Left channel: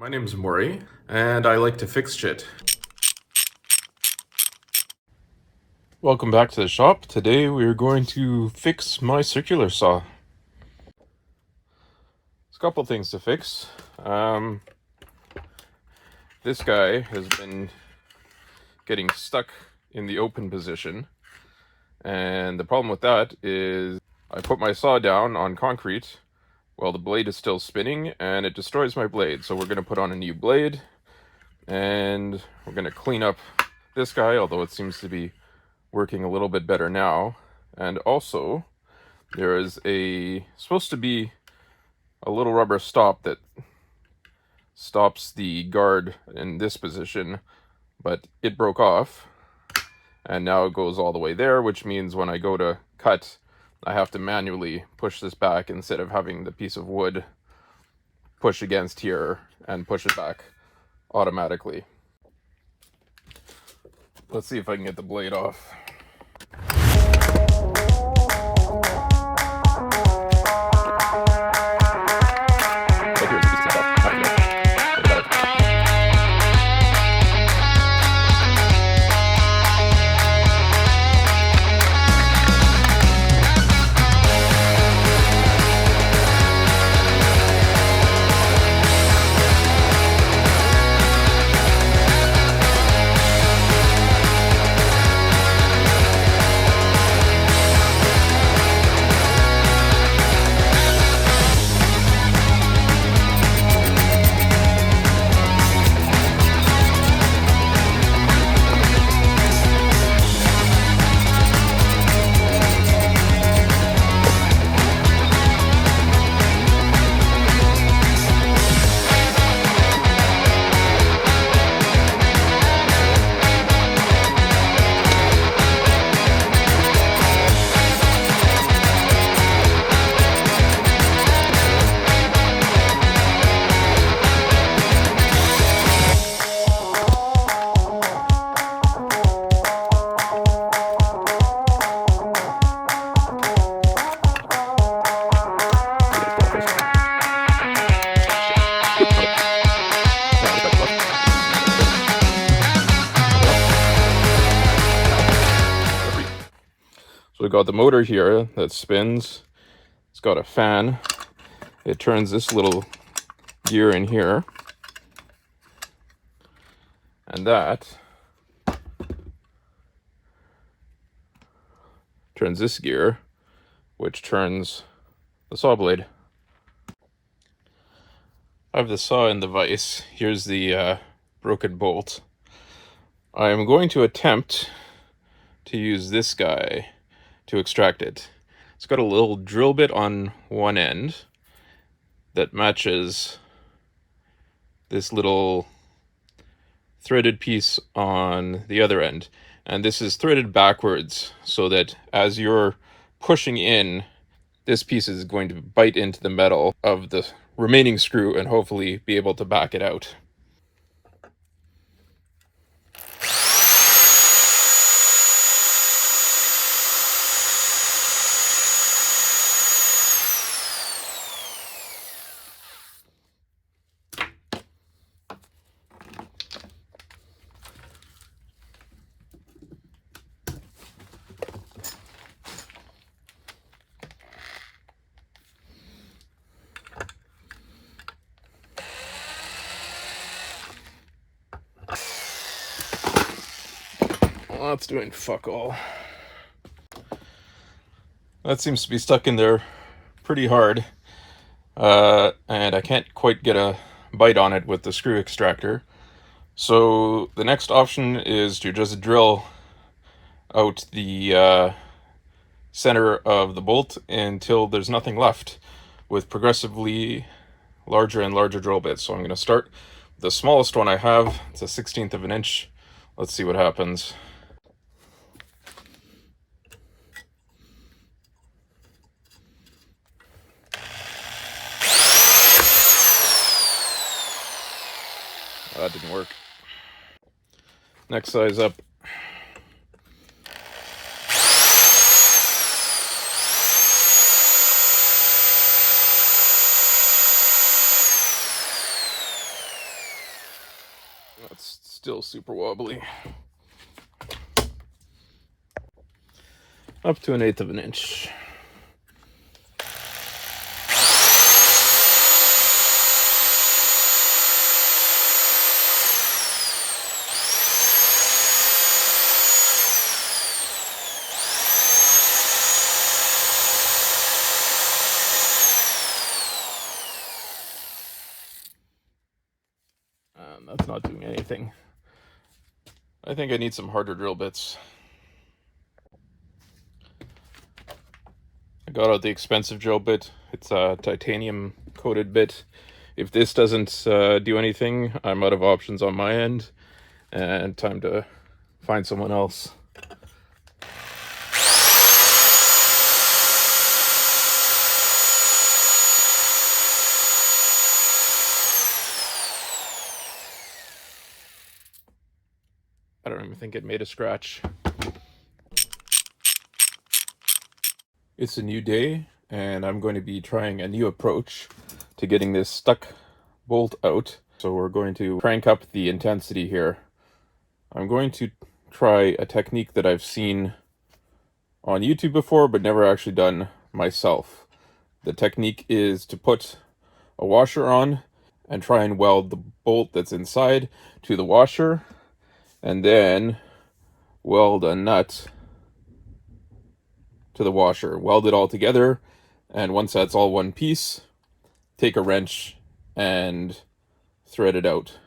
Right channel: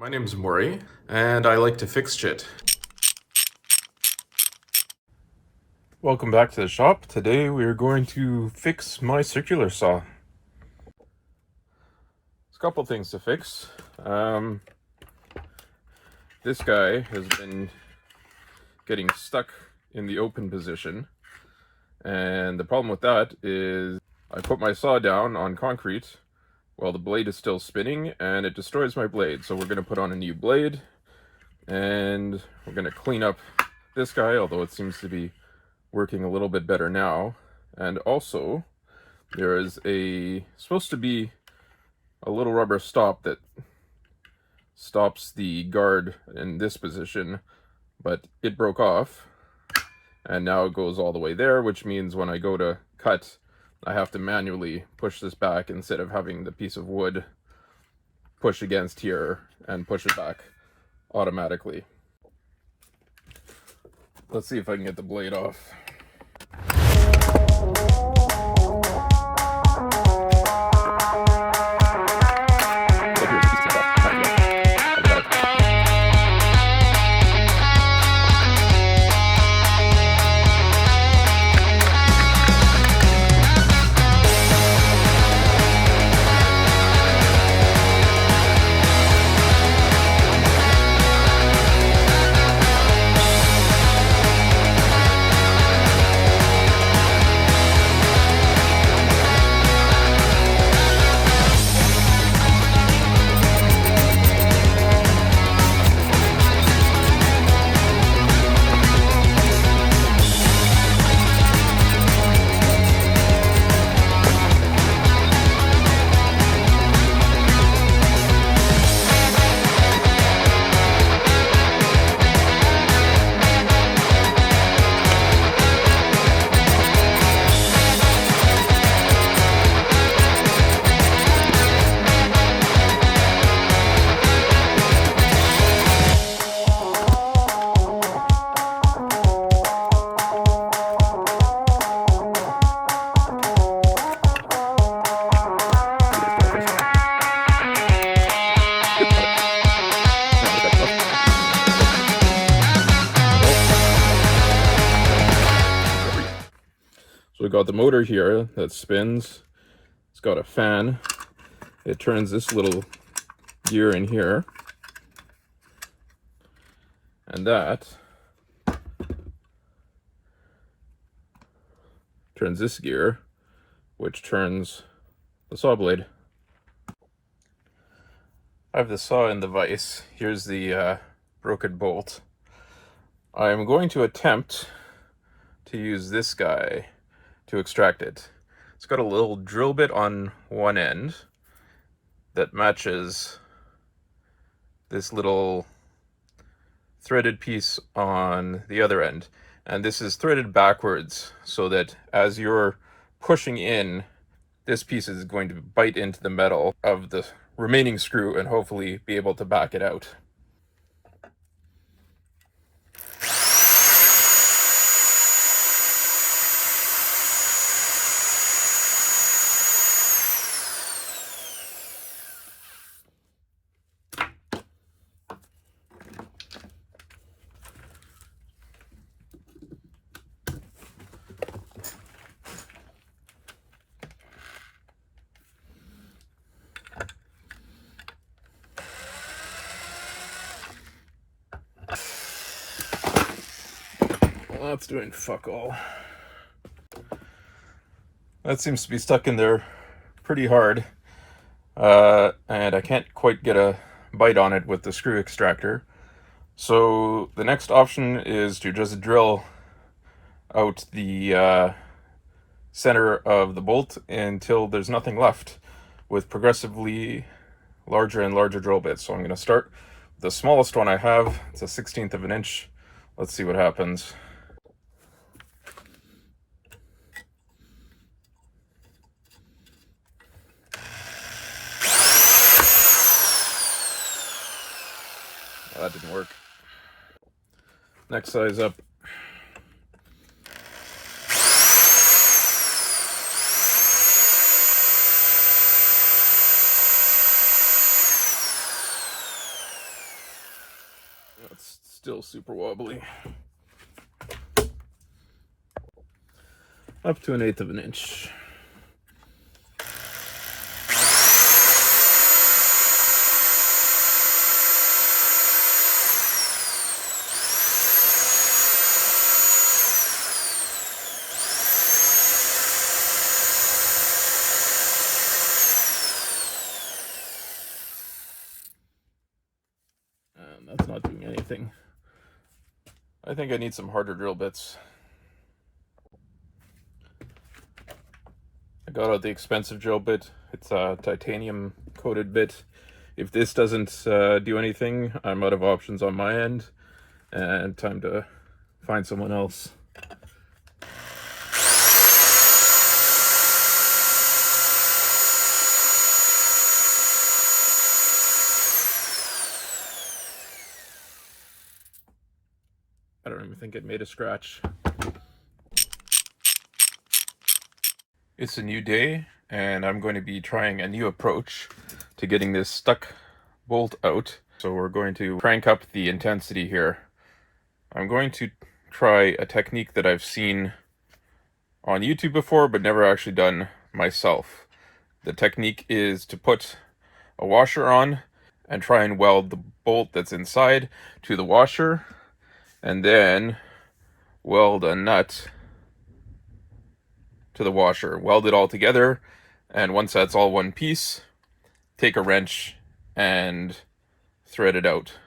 My name's Maury, and I like to fix shit. Welcome back to the shop. Today we are going to fix my circular saw. There's a couple things to fix. This guy has been getting stuck in the open position, and the problem with that is I put my saw down on concrete while the blade is still spinning, and it destroys my blade. So we're going to put on a new blade, and we're going to clean up this guy, although it seems to be working a little bit better now. And also there is supposed to be a little rubber stop that stops the guard in this position, but it broke off, and now it goes all the way there, which means when I go to cut, I have to manually push this back instead of having the piece of wood push against here and push it back automatically. Let's see if I can get the blade off. So we got the motor here that spins. It's got a fan. It turns this little gear in here, and that turns this gear, which turns the saw blade. I have the saw in the vise. Here's the broken bolt. I'm going to attempt to use this guy to extract it. It's got a little drill bit on one end that matches this little threaded piece on the other end, and this is threaded backwards so that as you're pushing in, this piece is going to bite into the metal of the remaining screw and hopefully be able to back it out. Well, that's doing fuck all. That seems to be stuck in there pretty hard, and I can't quite get a bite on it with the screw extractor. So the next option is to just drill out the center of the bolt until there's nothing left, with progressively larger and larger drill bits. So I'm going to start with the smallest one I have. It's a 1/16 of an inch. Let's see what happens. That didn't work. Next size up. That's still super wobbly. Up to 1/8 of an inch. That's not doing anything. I think I need some harder drill bits. I got out the expensive drill bit. It's a titanium coated bit. If this doesn't do anything, I'm out of options on my end, and time to find someone else. I don't even think it made a scratch. It's a new day, and I'm going to be trying a new approach to getting this stuck bolt out. So we're going to crank up the intensity here. I'm going to try a technique that I've seen on YouTube before, but never actually done myself. The technique is to put a washer on and try and weld the bolt that's inside to the washer, and then weld a nut to the washer. Weld it all together, and once that's all one piece, take a wrench and thread it out.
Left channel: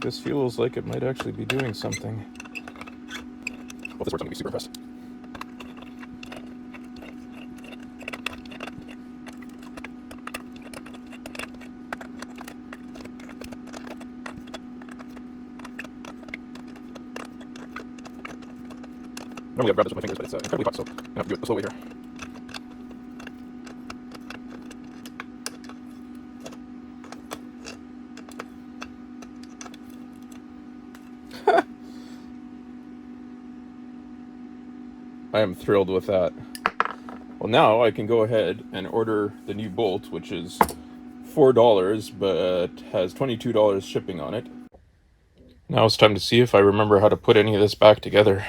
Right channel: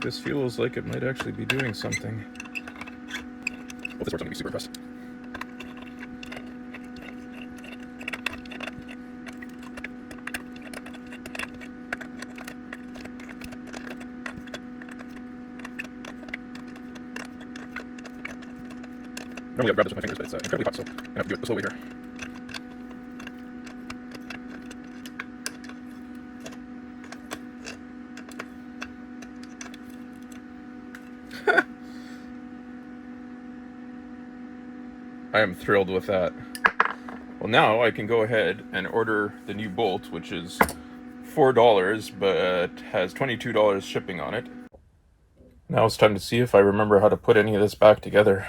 This feels like it might actually be doing something. Well, this works, I'm gonna be super impressed. Normally I'd grab this with my fingers, but it's incredibly hot, so I'm gonna have to do it slowly here. I am thrilled with that. Well, now I can go ahead and order the new bolt, which is $4, but has $22 shipping on it. Now it's time to see if I remember how to put any of this back together.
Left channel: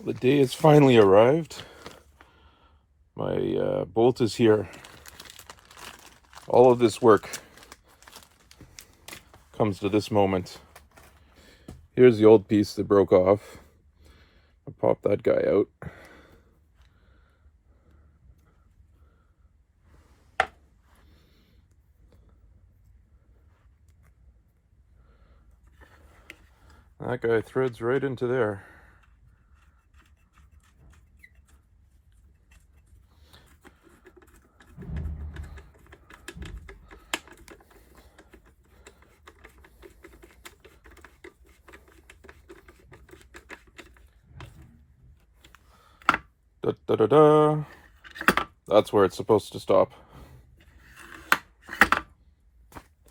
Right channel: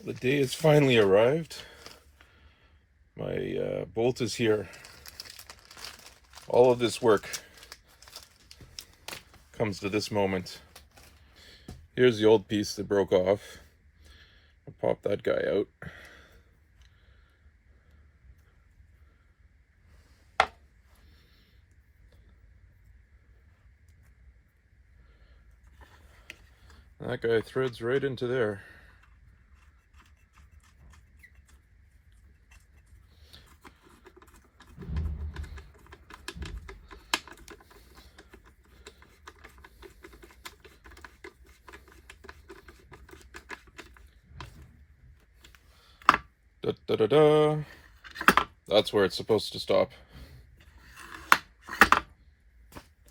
The day has finally arrived. My bolt is here. All of this work comes to this moment. Here's the old piece that broke off. I'll pop that guy out. That guy threads right into there. Da, da, da, da. That's where it's supposed to stop.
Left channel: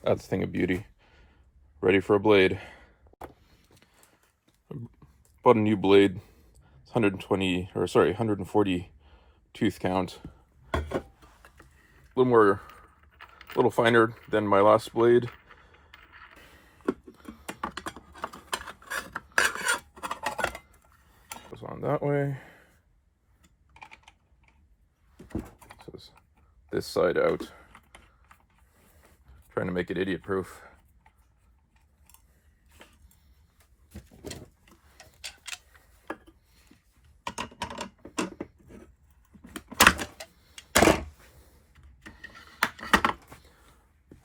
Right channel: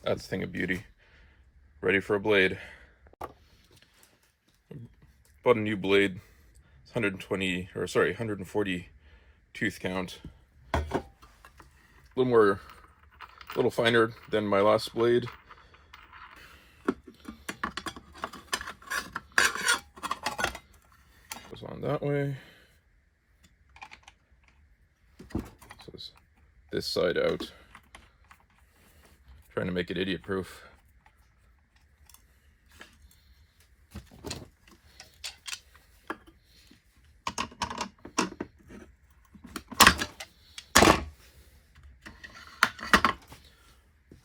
That's a thing of beauty. Ready for a blade. Bought a new blade. 140 tooth count. A little finer than my last blade. Goes on that way. So this side out. Trying to make it idiot proof.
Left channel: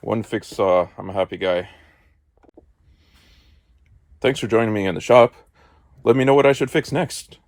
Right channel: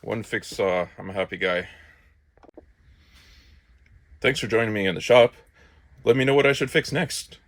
One fixed saw. I'm a happy guy. Thanks for joining me in the shop. Let me know what I should fix next.